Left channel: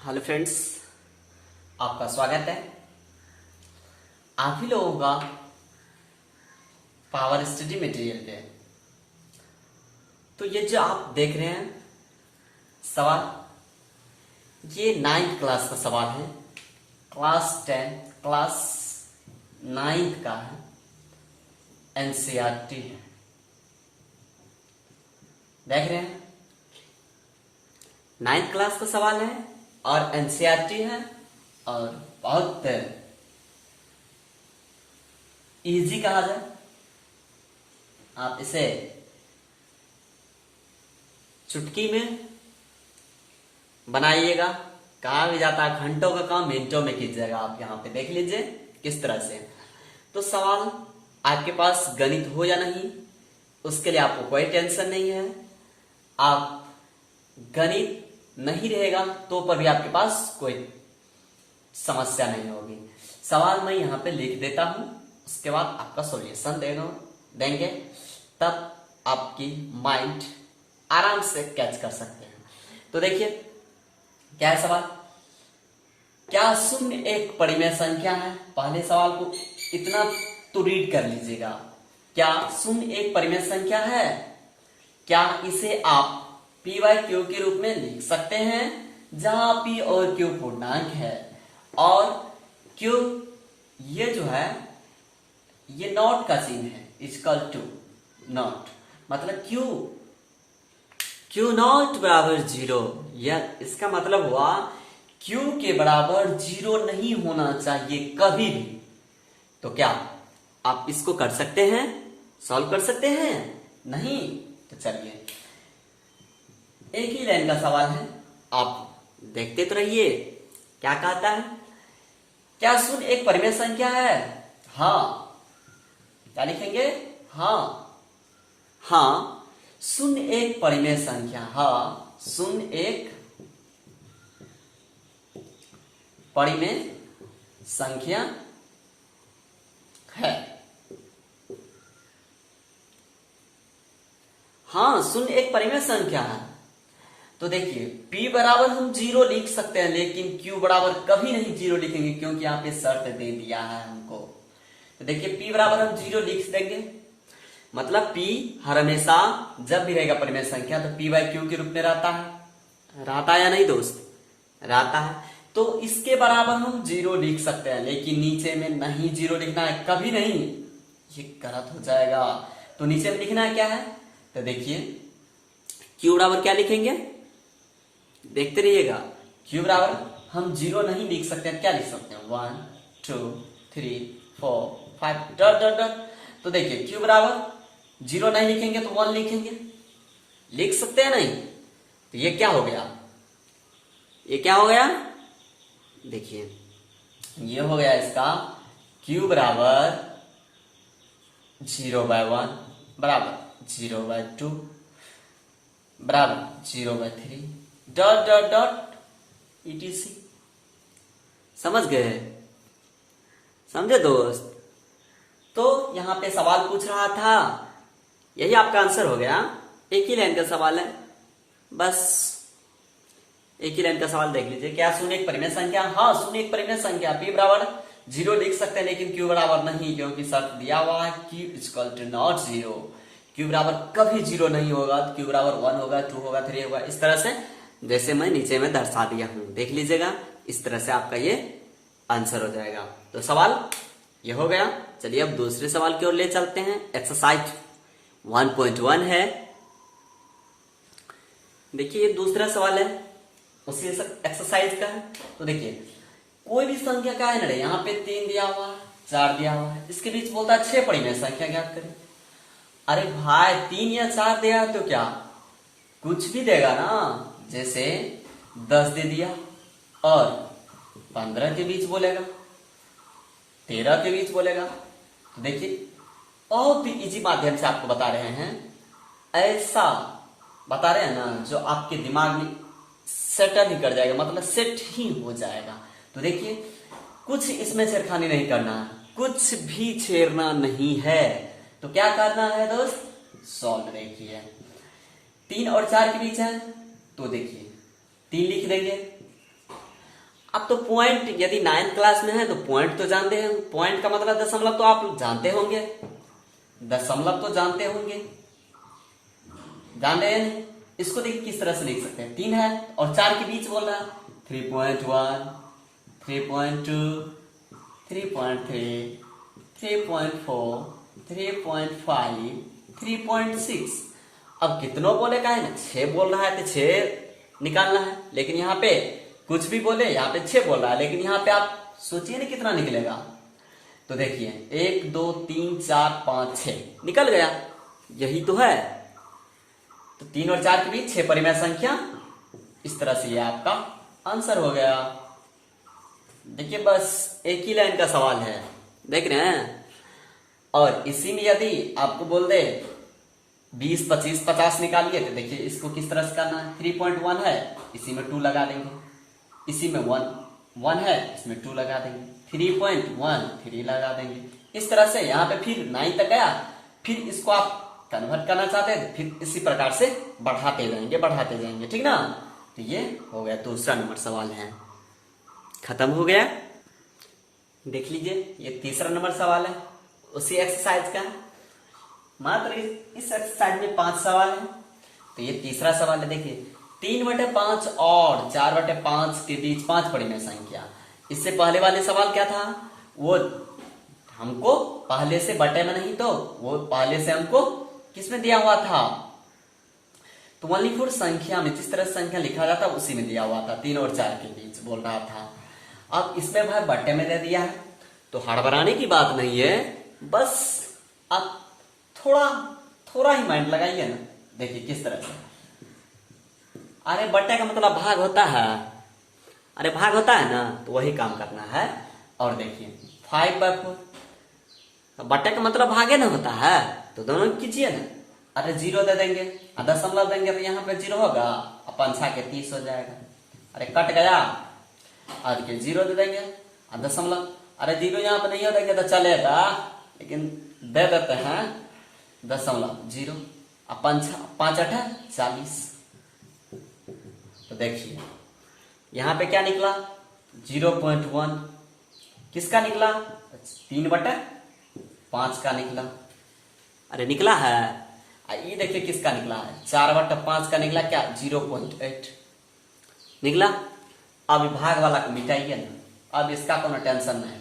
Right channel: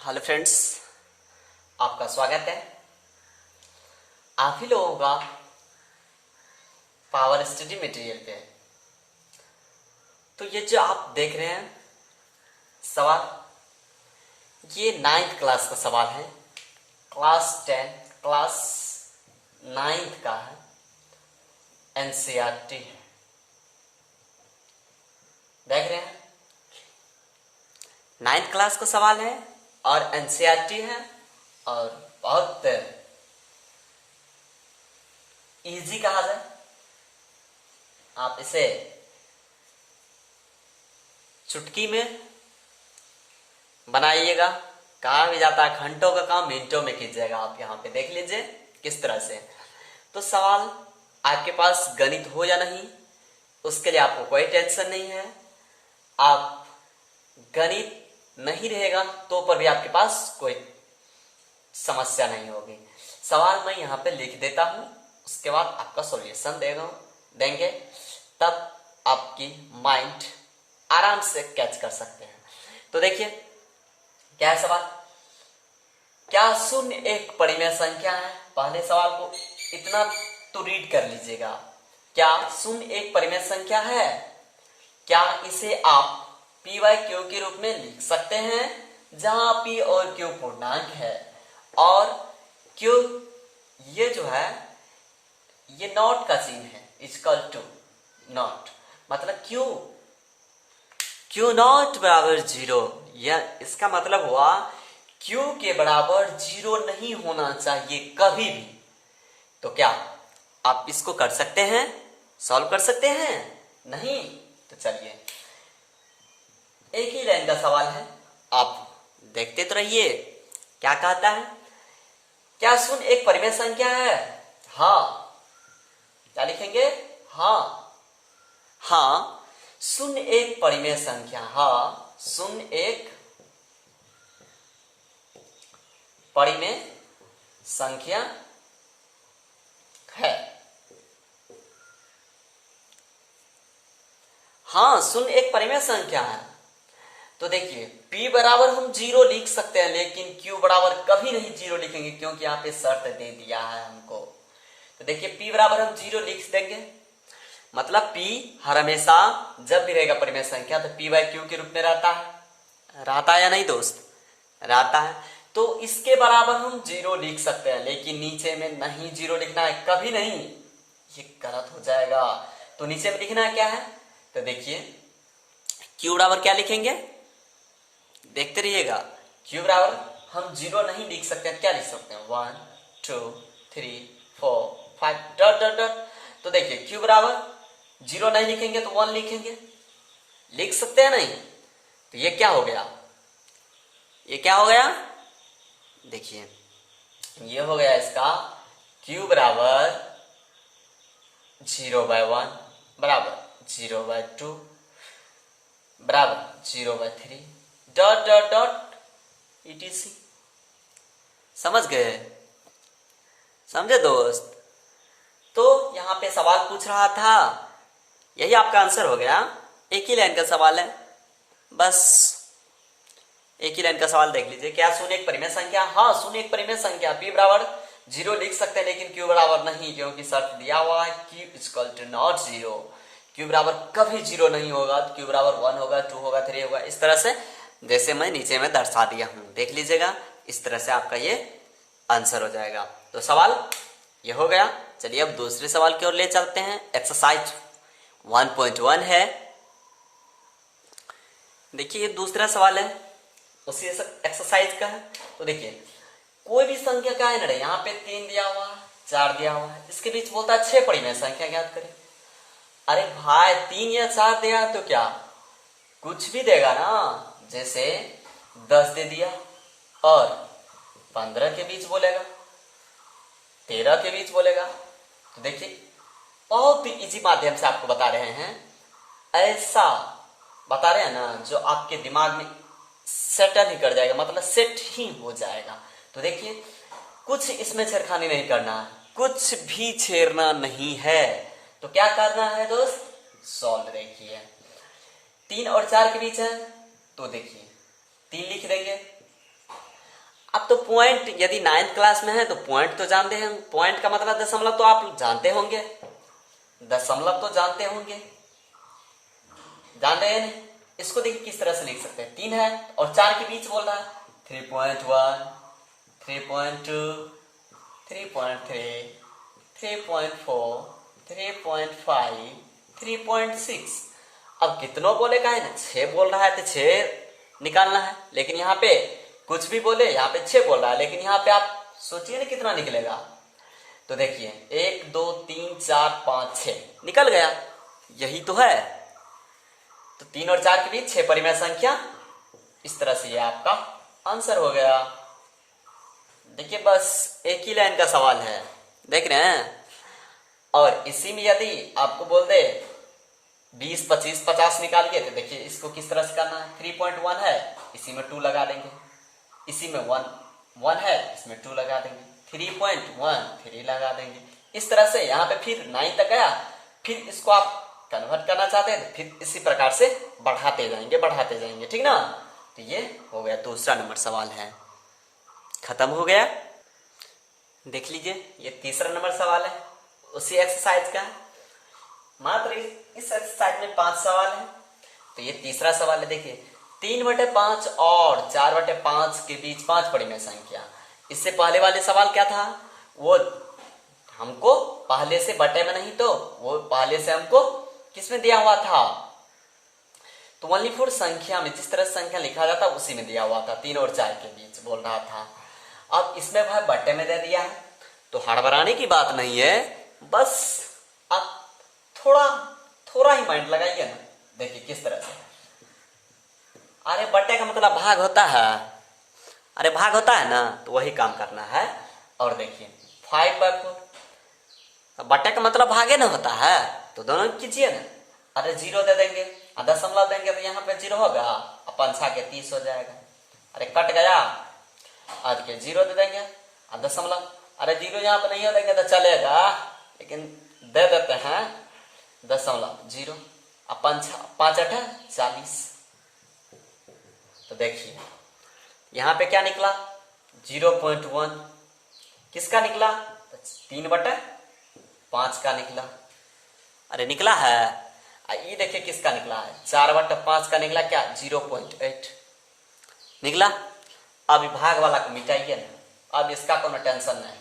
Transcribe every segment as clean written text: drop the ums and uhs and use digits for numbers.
Hello friends, आपका स्वागत है। आप ही लोगों का पावर स्टडी मटेरियल पे। तो ये जो आप देख रहे हैं सवाल, ये 9th क्लास का सवाल है। क्लास 10 क्लास 9th का है, एनसीईआरटी है। देख रहे हैं 9th क्लास का सवाल है और एनसीईआरटी है और बहुत इजी कहा जाए। आप इसे चुटकी में बनाइएगा। कहा भी जाता है घंटों का काम मिनटों में कीजिएगा। आप यहाँ पे देख लीजिए किस तरह से। तो सवाल आपके पास गणित हो या नहीं, उसके लिए आपको कोई टेंशन नहीं है। आप गणित नहीं रहेगा तो पर भी आपके पास कोई समस्या नहीं होगी। सवाल मैं यहाँ पे लिख देता हूं, उसके बाद आपका सॉल्यूशन देंगे, तब आपकी माइंड आराम से कैच कर सकते हैं। तो देखिए क्या है सवाल। क्या शून्य एक परिमेय संख्या है? पहले सवाल को इतना तो रीड कर लीजिएगा। क्या शून्य एक परिमेय संख्या है? क्या इसे आप पी वाई क्यू के रूप में लिख सकते हैं, जहां पी और क्यू पूर्णांक है और क्यू ये जो है ये नॉट का चिन्ह है, इक्वल टू नॉट, मतलब क्यू नॉट बराबर 0। यह इसका मतलब हुआ क्यू के बराबर 0 नहीं होना चाहिए कभी भी। तो क्या आप इसको कर सकते हैं, सॉल्व कर सकते हैं? नहीं। तो चलिए एक ही लाइन का सवाल है, आप देखते तो रहिए क्या कहता है। क्या शून्य एक परिमेय संख्या है? हाँ। क्या लिखेंगे? हाँ शून्य एक परिमेय संख्या। हाँ शून्य एक परिमेय संख्या है। हाँ शून्य एक परिमेय संख्या है। तो देखिए p बराबर हम 0 लिख सकते हैं, लेकिन q बराबर कभी नहीं 0 लिखेंगे, क्योंकि यहाँ पे शर्त दे दिया है हमको। तो देखिए p बराबर हम 0 लिख देंगे, मतलब p हर हमेशा जब भी रहेगा परिमेय संख्या तो p बाई क्यू के रूप में रहता है या नहीं दोस्त? रहता है। तो इसके बराबर हम 0 लिख सकते हैं, लेकिन नीचे में नहीं 0 लिखना है, कभी नहीं, ये गलत हो जाएगा। तो नीचे में लिखना है क्या है? तो देखिए q बराबर क्या लिखेंगे, देखते रहिएगा। q बराबर हम 0 नहीं लिख सकते हैं, क्या लिख सकते हैं? 1 2 3 4 5 डॉट डॉट डॉट। तो देखिए q बराबर 0 नहीं लिखेंगे तो 1 लिखेंगे, लिख सकते हैं नहीं? तो ये क्या हो गया, ये क्या हो गया? देखिए ये हो गया इसका q बराबर 0/1 बराबर 0/2 बराबर 0/3 डॉट डॉट डॉट etc। समझ गए? समझे दोस्त? तो यहां पे सवाल पूछ रहा था, यही आपका आंसर हो गया। एक ही लाइन का सवाल है, बस एक ही लाइन का सवाल देख लीजिए। क्या शून्य एक परिमेय संख्या? हाँ शून्य एक परिमेय संख्या। p बराबर 0 लिख सकते हैं, लेकिन q बराबर नहीं, क्योंकि शर्त दिया हुआ है q equal to not 0। q बराबर कभी 0 नहीं होगा। q बराबर 1 होगा, 2 होगा, 3 होगा, इस तरह से जैसे मैं नीचे में दर्शा दिया हूं, देख लीजिएगा। इस तरह से आपका ये आंसर हो जाएगा। तो सवाल ये हो गया। चलिए अब दूसरे सवाल की ओर ले चलते हैं। एक्सरसाइज 1.1 है। देखिए ये दूसरा सवाल है, उसी एक्सरसाइज का है। तो देखिए कोई भी संख्या क्या है ना, यहाँ पे 3 दिया हुआ है, 4 दिया हुआ है, इसके बीच बोलता है 6 परिमेय संख्या ज्ञात करें। अरे भाई 3 या 4 दिया तो क्या कुछ भी देगा ना, जैसे 10 दे दिया और 15 के बीच बोलेगा, 13 के बीच बोलेगा। तो देखिए बहुत ही इजी माध्यम से आपको बता रहे हैं, ऐसा बता रहे हैं ना जो आपके दिमाग में सेटल ही कर जाएगा, मतलब सेट ही हो जाएगा। तो देखिए कुछ इसमें छेड़खानी नहीं करना, कुछ भी छेड़ना नहीं है। तो क्या करना है दोस्त? सॉल्व। देखिए 3 और 4 के बीच है, तो देखिए 3 लिख देंगे अब तो पॉइंट, यदि 9th क्लास में है तो पॉइंट तो जानते हैं, पॉइंट का मतलब दशमलव तो आप जानते होंगे, दशमलव तो जानते होंगे, जान रहे हैं। इसको देखिए किस तरह से लिख सकते हैं, 3 है और 4 के बीच बोल रहा है, 3.1, 3.2, 3.3, 3.4, 3.5, 3.6। अब कितनों बोले का है ना, 6 बोल रहा है तो 6 निकालना है, लेकिन यहाँ पे कुछ भी बोले, यहाँ पे 6 बोल रहा है, लेकिन यहाँ पे आप सोचिए ना कितना निकलेगा। तो देखिए 1 2 3 4 5 6 निकल गया, यही तो है। तो 3 और 4 के बीच 6 परिमेय संख्या, इस तरह से ये आपका आंसर हो गया। देखिए बस एक ही लाइन का सवाल है, देख रहे हैं। और इसी में यदि आपको बोल दे 20 25 50 निकालिए, तो देखिए इसको किस तरह से करना है, 3.1 है, इसी में 2 लगा देंगे, इसी में 1 है, इसमें 2 लगा देंगे, 3.1 3 लगा देंगे। इस तरह से यहाँ पे फिर 9 तक गया, फिर इसको आप कन्वर्ट करना चाहते हैं तो फिर इसी प्रकार से बढ़ाते जाएंगे, ठीक ना। तो ये हो गया, दूसरा नंबर सवाल है, खत्म हो गया। देख लीजिए ये तीसरा नंबर सवाल है, उसी एक्सरसाइज का है, मात्र इस एक्सरसाइज में 5 सवाल है। तो ये तीसरा सवाल है, देखिए 3/5 और 4/5 के बीच 5 परिमेय संख्या। इससे पहले वाले सवाल क्या था, वो हमको पहले से बटे में नहीं, तो वो पहले से हमको किसमें दिया हुआ था, तो 1/4 संख्या में जिस तरह संख्या लिखा जाता उसी में दिया हुआ था, 3 और 4 के बीच बोल रहा था। अब इसमें भाई बट्टे में दे दिया है, तो हड़बड़ाने की बात नहीं है, बस आप थोड़ा ही माइंड लगाइए ना। देखिए किस तरह से, अरे बट्टे का मतलब भाग होता है, अरे भाग होता है ना, तो वही काम करना है। और देखिए 5/4, बट्टे का मतलब भागे ना होता है, तो दोनों कीजिए ना। अरे 0 दे देंगे, दशमलव देंगे, तो यहाँ पे 0 होगा, अपन 6 के 30 हो जाएगा। अरे कट गया, और के 0 दे देंगे, दशमलव, अरे 0 यहाँ पे नहीं हो देंगे तो चलेगा, लेकिन दे देते हैं दशमलव 0, अपन 5 8 40। तो देखिए यहाँ पे क्या निकला, 0.1 किसका निकला, 3/5 का निकला। अरे निकला है, ये देखिए किसका निकला है, 4/5 का निकला, क्या 0.8 निकला। अब भाग वाला को मिटाइए ना, अब इसका कोई टेंशन नहीं,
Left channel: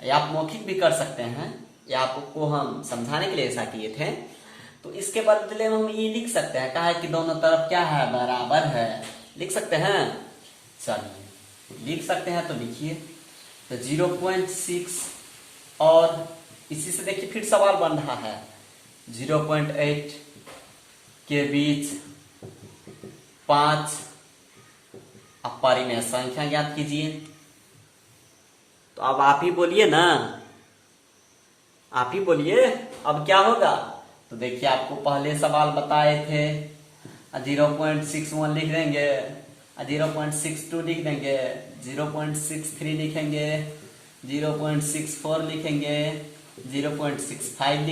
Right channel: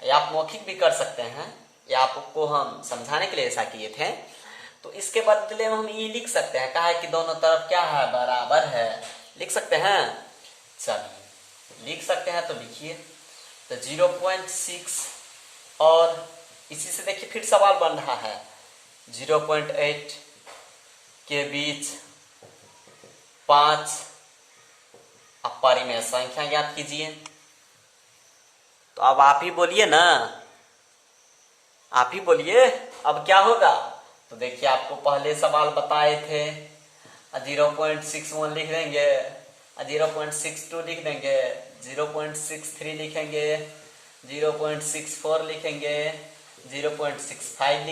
या आप मौखिक भी कर सकते हैं, या आपको हम समझाने के लिए ऐसा किए थे। तो इसके बदले में हम ये लिख सकते हैं, कहा है कि दोनों तरफ क्या है, बराबर है, लिख सकते हैं। चलिए लिख सकते हैं, तो लिखिए। तो 0.6 और इसी से देखिए फिर सवाल बन रहा है, 0.8 के बीच 5, अब परिमेय संख्या ज्ञात कीजिए। तो अब आप ही बोलिए ना, आप ही बोलिए अब क्या होगा। तो देखिए आपको पहले सवाल बताए थे, 0.61 लिख देंगे, 0.62 लिख देंगे, 0.63 लिखेंगे, 0.64 लिखेंगे, 0.65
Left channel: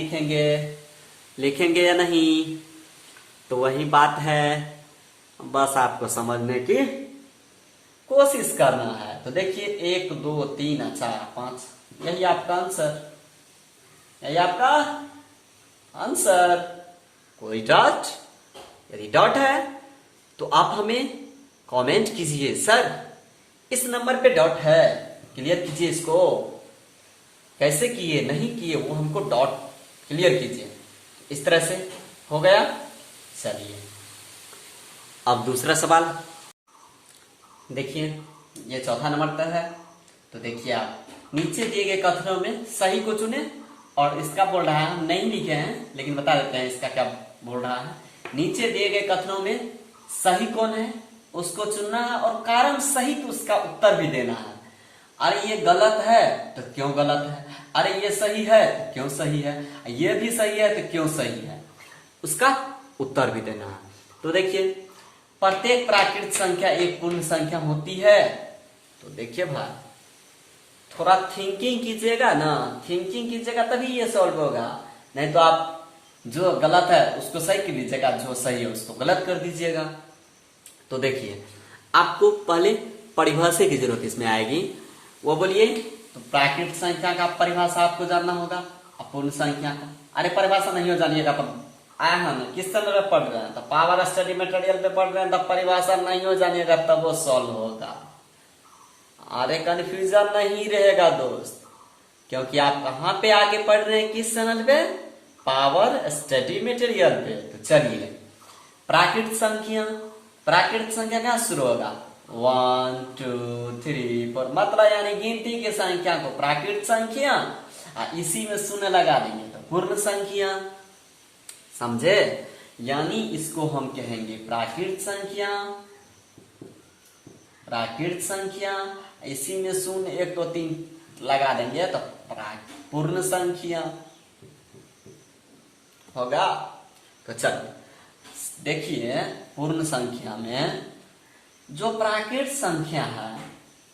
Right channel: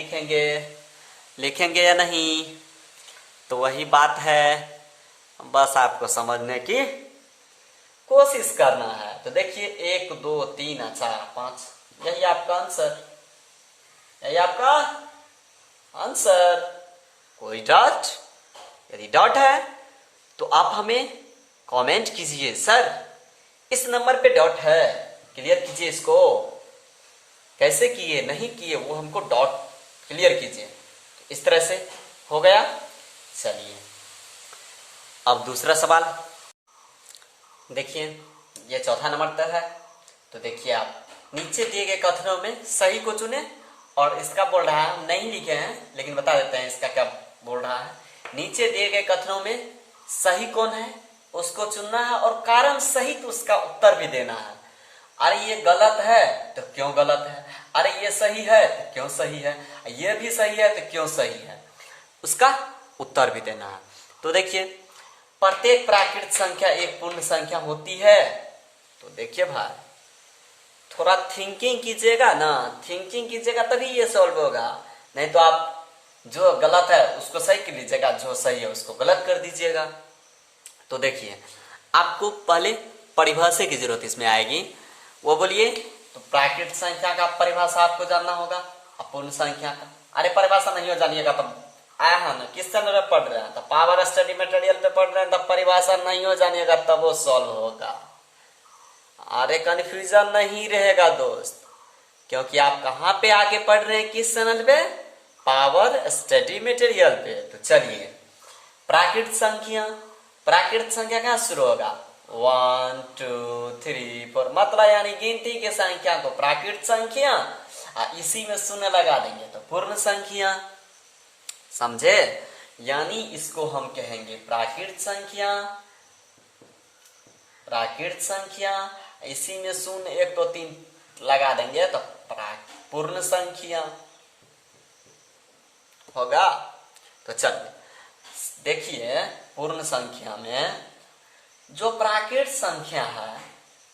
लिखेंगे या नहीं। तो वही बात है, बस आपको समझने की कोशिश करना है। तो देखिए 1 2 3 4 5, यही आपका आंसर, यही आपका आंसर। कोई डाउट, यदि डाउट है तो आप हमें कमेंट कीजिए, सर इस नंबर पे डाउट है, क्लियर कीजिए इसको, कैसे किए नहीं किए वो हमको डाउट क्लियर कीजिए। इस तरह से हो गया। चलिए अब दूसरा सवाल देखिए, ये चौथा नंबर तक है। तो देखिए आप नीचे दिए गए कथनों में सही को चुने, और इसका बोल रहा है, हम नहीं लिखे हैं लेकिन बता देते हैं इसका क्या बोल रहा है। नीचे दिए गए कथनों में सही कौन है उसको चुनना है, और कारण सहित उसका उत्तर भी देना है। अरे ये गलत है तो क्यों गलत है, अरे ये सही है तो क्यों सही है, ये भी सही है तो क्यों सही है, उसका उत्तर भी देना है। तो देखिए प्रत्येक प्राकृत संख्या एक पूर्ण संख्या होती है। तो देखिए भाई थोड़ा थिंकिंग कीजिएगा ना, थिंकिंग कीजिएगा तभी ये सॉल्व होगा, नहीं तो आप जो गलत है उसको सही कर लीजिएगा, जो सही है उसको गलत कर दीजिएगा। तो देखिए आपको पहले परिभाषा की जरूरत इसमें आएगी, वो बोलिए। तो प्राकृत संख्या का परिभाषा आपको जानना होगा, अपूर्ण संख्या का। अरे परिभाषा नहीं हो जानिएगा तो आया हम किस चैनल में पढ़ रहे हैं, तो पावर स्टडी मटेरियल पे पढ़ रहे हैं, तब परिभाषा नहीं हो जानिएगा तब वो सॉल्व होगा। अरे कंफ्यूजन नहीं रहेगा दोस्त, क्योंकि आप कहाँ पे आगे पढ़ रहे हैं, किस चैनल पे, पावर स्टडी मटेरियल पे। तो चलिए प्राकृत संख्या, प्राकृत संख्या कहाँ शुरू होगा, 1 2 3 4, मतलब यानी गिनती की संख्या को प्राकृत संख्या, इसी में शून्य लगा देंगे तो पूर्ण संख्या, समझे। यानी इसको हम कहेंगे प्राकृत संख्या, प्राकृत संख्या, इसी में शून्य 1 2 3 लगा देंगे तो पूर्ण संख्या होगा। तो चलिए देखिए, पूर्ण संख्या में जो प्राकृत संख्या है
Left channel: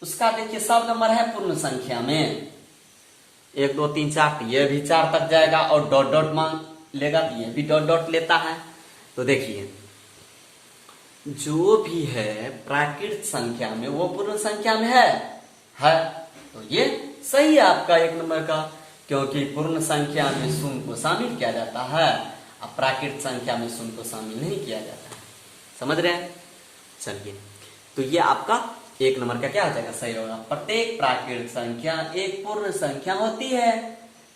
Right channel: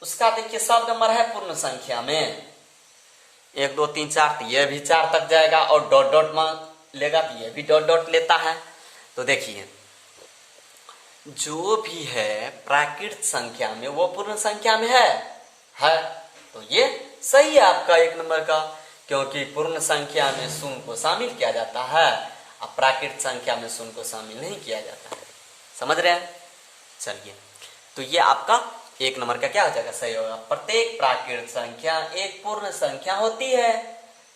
उसका देखिए सब नंबर है पूर्ण संख्या में, 1 2 3 4, ये भी 4 तक जाएगा और डॉट डॉट मांग लेगा तो ये भी डॉट डॉट लेता है। तो देखिए जो भी है प्राकृत संख्या में वो पूर्ण संख्या में है। तो ये सही है आपका 1 नंबर का, क्योंकि पूर्ण संख्या में शून्य को शामिल किया जाता है, अब प्राकृत संख्या में शून्य को शामिल नहीं किया जाता है, समझ रहे हैं। चलिए तो ये आपका 1 नंबर का क्या हो जाएगा, सही होगा। प्रत्येक प्राकृत संख्या एक पूर्ण संख्या होती है,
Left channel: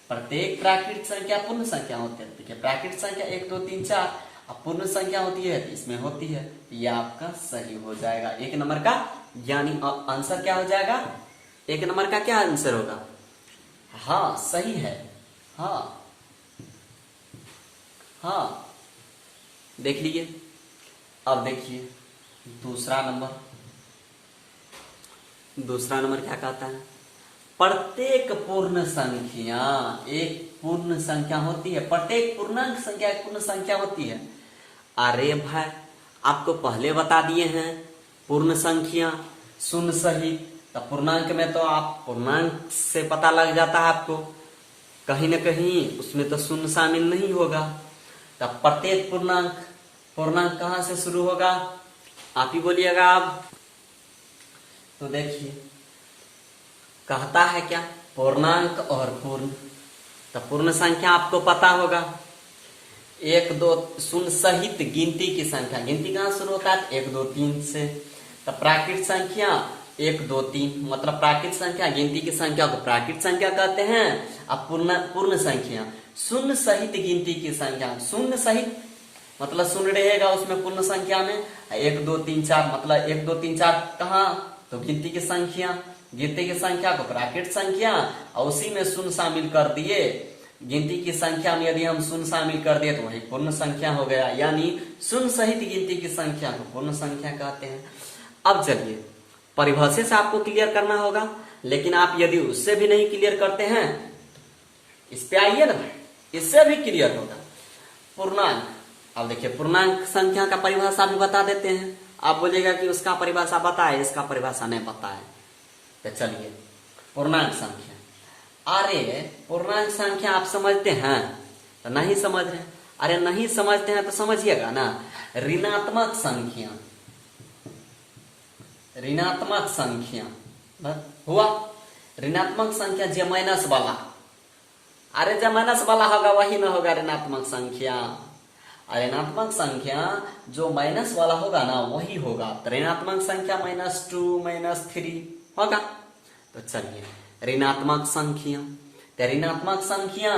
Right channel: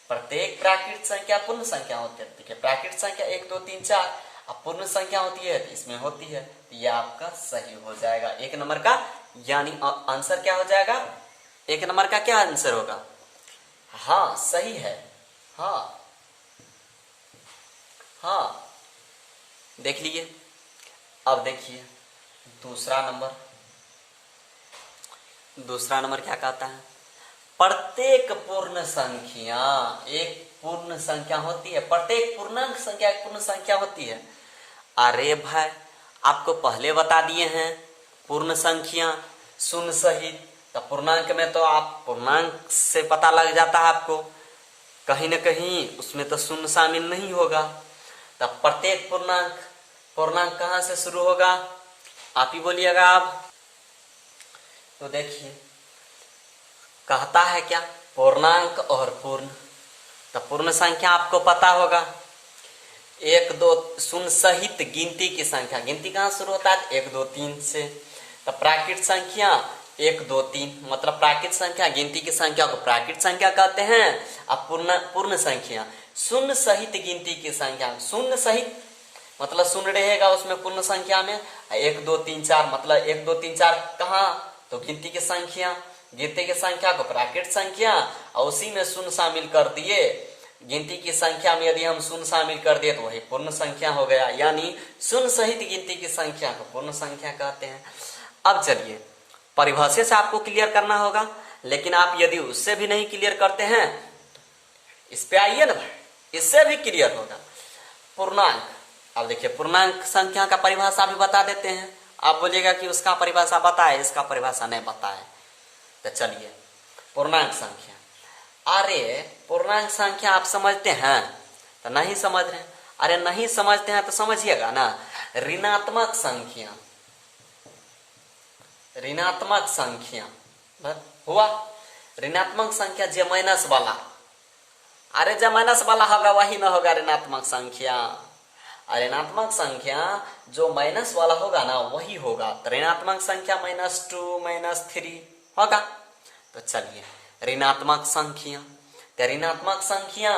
प्रत्येक प्राकृत संख्या पूर्ण संख्या होती है। देखिए प्राकृत संख्या 1 2 3 4, अब पूर्ण संख्या होती है तो इसमें होती है, ये आपका सही हो जाएगा 1 नंबर का। यानी आंसर क्या हो जाएगा, 1 नंबर का क्या आंसर होगा, हाँ सही है, हाँ देख लीजिए। अब देखिए दूसरा नंबर क्या कहता है, प्रत्येक पूर्ण संख्या एक पूर्ण संख्या होती है, प्रत्येक पूर्णांक संख्या एक पूर्ण संख्या होती है। अरे भाई आपको पहले बता दिए हैं पूर्ण संख्या शून्य सहित, तो पूर्णांक में तो आप पूर्णांक से पता लग जाता है आपको, कहीं ना कहीं उसमें तो शून्य शामिल नहीं होगा। तब प्रत्येक पूर्णांक कहां से शुरू होगा, आप ही बोलिएगा आप। तो देखिए कहता है क्या, पूर्णांक और पूर्ण। तो पूर्ण संख्या आपको पता होगा 1 2 शून्य सहित गिनती की संख्या, गिनती कहां शुरू होता है 1 2 3 से। तो प्राकृत संख्या 1 2 3, मतलब प्राकृत संख्या गिनती की संख्या को प्राकृत संख्या कहते हैं। अब पूर्ण संख्या शून्य सहित गिनती की संख्या, शून्य सहित मतलब शून्य रहेगा उसमें पूर्ण संख्या में, 1 2 3 4 मतलब 1 2 3 4 कहाँ, तो गिनती की संख्या, गिनती की संख्या को प्राकृत संख्या और उसी में शून्य शामिल कर दिए, गिनती की संख्या में यदि हम शून्य शामिल कर दिए तो वही पूर्ण संख्या हो गया। यानी शून्य सहित गिनती की संख्या को पूर्ण संख्या कहते हैं। अब चलिए परिभाषा से आपको क्लियर करना होगा, लेकिन आप यदि उससे भी नहीं क्लियर करते हैं इस पे आइए ना, इससे भी क्लियर होगा। पूर्णांक, अब देखिए पूर्णांक संख्या का परिभाषा भी बता देते हैं। आप बोलिएगा कि उसका परिभाषा बताए, इसका परिभाषा नहीं बताए। तो चलिए पूर्णांक संख्या, अरे पूर्णांक संख्या आप समझते हैं तो नहीं समझ रहे, अरे नहीं समझते हैं तो समझिएगा ना। ऋणात्मक संख्या, ऋणात्मक संख्या हुआ, ऋणात्मक संख्या जो माइनस वाला, अरे जो माइनस वाला होगा वही ना होगा ऋणात्मक संख्या। ऋणात्मक संख्या जो माइनस वाला होगा ना वही होगा। ऋणात्मक संख्या -2 -3 होगा। तो चलिए ऋणात्मक संख्या, तो ऋणात्मक संख्या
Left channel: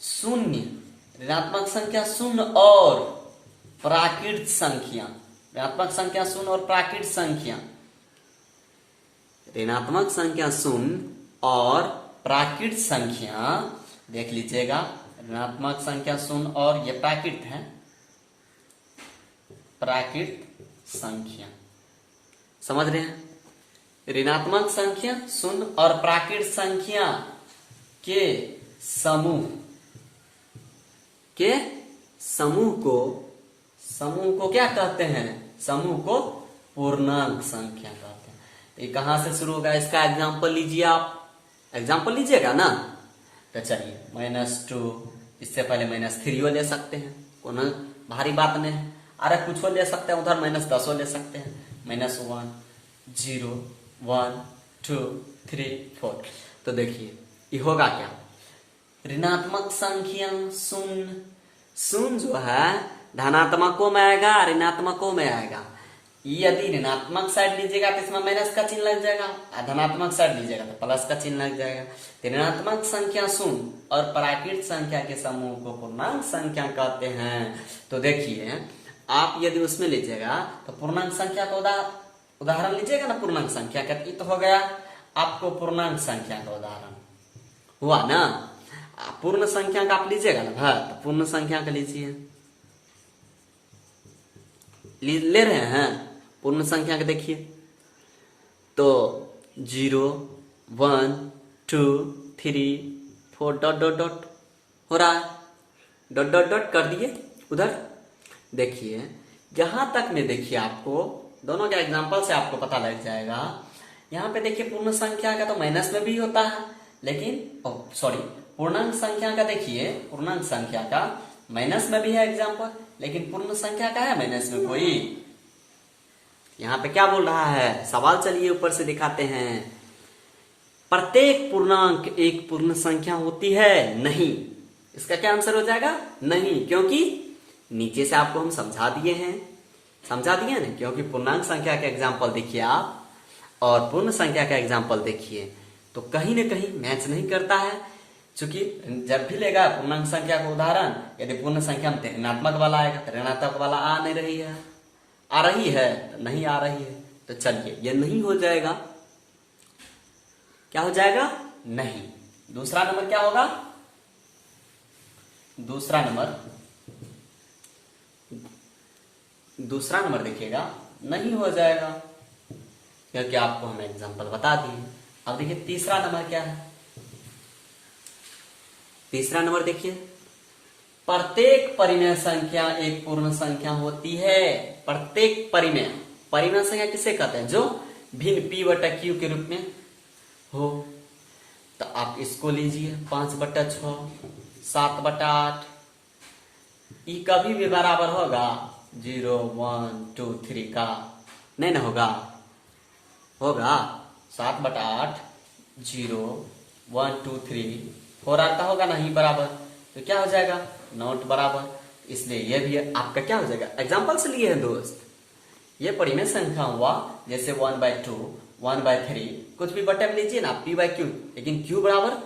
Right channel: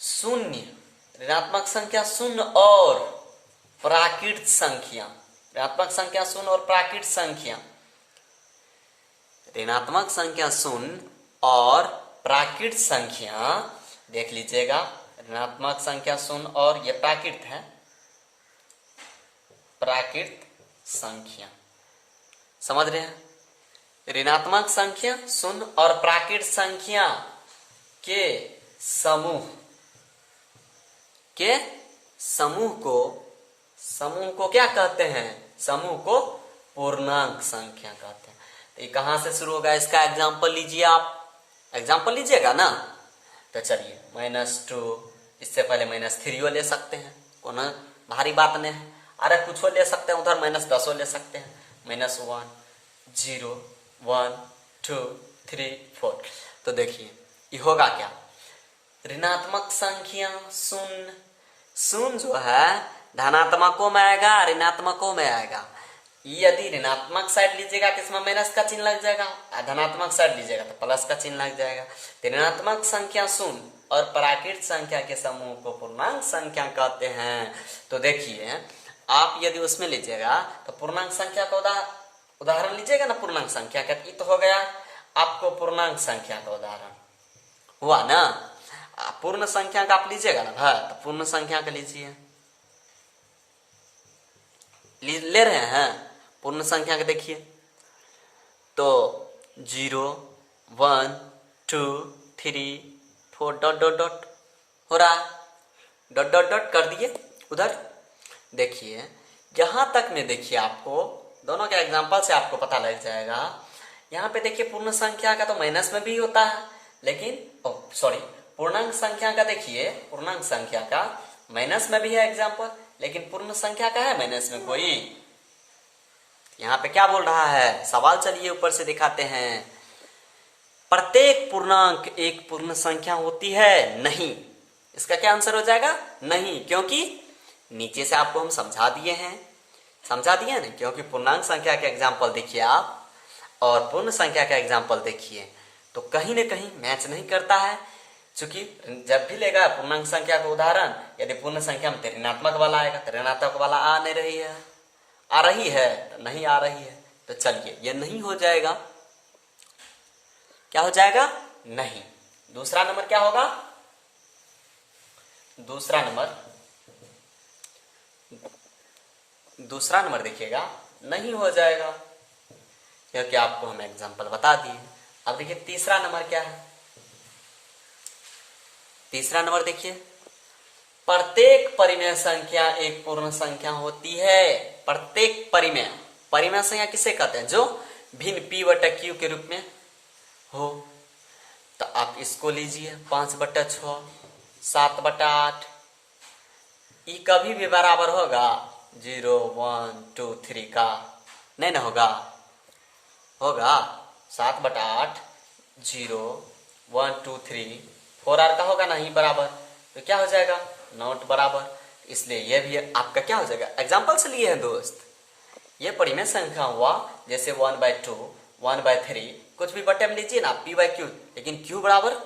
शून्य, ऋणात्मक संख्या शून्य और प्राकृत संख्या, ऋणात्मक संख्या शून्य और प्राकृत संख्या, ऋणात्मक संख्या शून्य और प्राकृत संख्या देख लीजिएगा। ऋणात्मक संख्या शून्य और ये प्राकृत है, प्राकृत संख्या समझ रहे हैं। ऋणात्मक संख्या शून्य और प्राकृत संख्या के समूह को क्या कहते हैं, समूह को पूर्णांक संख्या कहते हैं। तो ये कहां से शुरू होगा, इसका एग्जाम्पल लीजिए आप, एग्जाम्पल लीजिएगा ना। तो चलिए -2, इससे पहले -3 ले सकते हैं, कोनो भारी बात नहीं है। अरे कुछ ले सकते हैं, उधर -10 ले सकते हैं, -1 0 1 2 3 4। तो देखिए ये होगा क्या, ऋणात्मक संख्या शून्य, शून्य जो है धनात्मकों में आएगा, ऋणात्मकों में आएगा। यदि ऋणात्मक साइड लीजिएगा तो इसमें माइनस का चिन्ह लग जाएगा, धनात्मक साइड लीजिएगा तो प्लस का चिन्ह लग जाएगा। तो ऋणात्मक संख्या शून्य और प्राकृत संख्या के समूह को पूर्णांक संख्या कहते हैं। तो देखिए आप यदि उसमें लीजिएगा तो पूर्णांक संख्या का उदाहरण लीजिएगा ना, पूर्णांक संख्या का, तो हो गया आपको पूर्णांक संख्या का उदाहरण हुआ ना। पूर्ण संख्या का आप लीजिएगा ना भाई, तो पूर्ण संख्या का लीजिए, ले रहे हैं पूर्ण संख्या का। देखिए तो 0 1 2 3 4 डॉट डॉट डॉट हो रहा है, डॉट डॉट डॉट कर दिए उधर। देखिए यहां तक में देखिए आपको दोनों के एग्जांपल से आपको पता लग जाएगा। यहाँ पे देखिए पूर्ण संख्या का तो माइनस में भी होता है, लेकिन सॉरी पूर्णांक संख्या का देखिए, पूर्णांक संख्या का माइनस में भी है एग्जांपल, लेकिन पूर्ण संख्या का है माइनस में कोई। यहाँ पे क्या बोल रहा है सवाल, चलिए ऊपर से दिखाते हैं। प्रत्येक पूर्णांक एक पूर्ण संख्या होती है? नहीं। इसका क्या आंसर हो जाएगा? नहीं, क्योंकि नीचे से आपको हम समझा दिए हैं ना, क्योंकि पूर्णांक संख्या का एग्जाम्पल देखिए आप और पूर्ण संख्या का एग्जाम्पल देखिए तो कहीं न कहीं मैच नहीं करता है। क्योंकि जब भी लेगा पूर्णांक संख्या का उदाहरण, यदि पूर्ण संख्या में ऋणात्मक वाला आएगा तो ऋणात्मक वाला आ नहीं रही है, आ रही है तो नहीं आ रही है। तो चलिए ये नहीं हो जाएगा, क्या हो जाएगा? नहीं। दूसरा नंबर क्या होगा? दूसरा नंबर देखिएगा नहीं हो जाएगा, क्योंकि आपको हम एग्जांपल बता दिए। अब देखिए तीसरा नंबर क्या है। तीसरा नंबर देखिए, प्रत्येक परिमेय संख्या एक पूर्ण संख्या होती है। प्रत्येक परिमेय संख्या किसे कहते हैं? जो भिन्न p बटा q के रूप में हो। तो आप इसको लीजिए 5/6 7/8, ई कभी भी बराबर होगा 0 1 2 3 का? नहीं ना होगा, 7/8 0 1 2 3 4 आर का होगा नहीं बराबर, तो क्या हो जाएगा? नॉट बराबर। इसलिए ये भी आपका क्या हो जाएगा? एग्जाम्पल से लिए हैं दोस्त, ये परिमेय संख्या हुआ, जैसे 1/2 1/3 कुछ भी बटे में लीजिए ना p/q, लेकिन q बराबर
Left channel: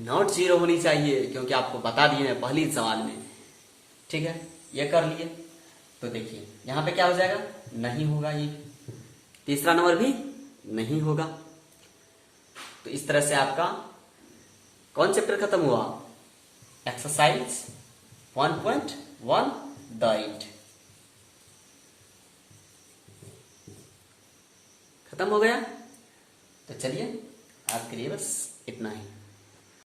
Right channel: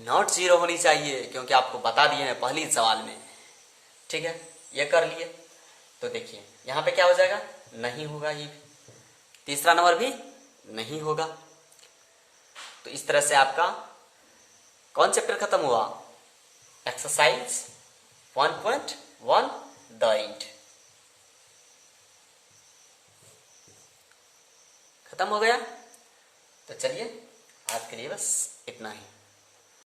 नॉट 0 होनी चाहिए, क्योंकि आपको बता दिए हैं पहली सवाल में। ठीक है, ये कर लिए। तो देखिए यहाँ पे क्या हो जाएगा? नहीं होगा, ही तीसरा नंबर भी नहीं होगा। तो इस तरह से आपका कौन चैप्टर खत्म हुआ? एक्सरसाइज 1.1 द इंट खत्म हो गया। तो चलिए आज के लिए बस इतना ही।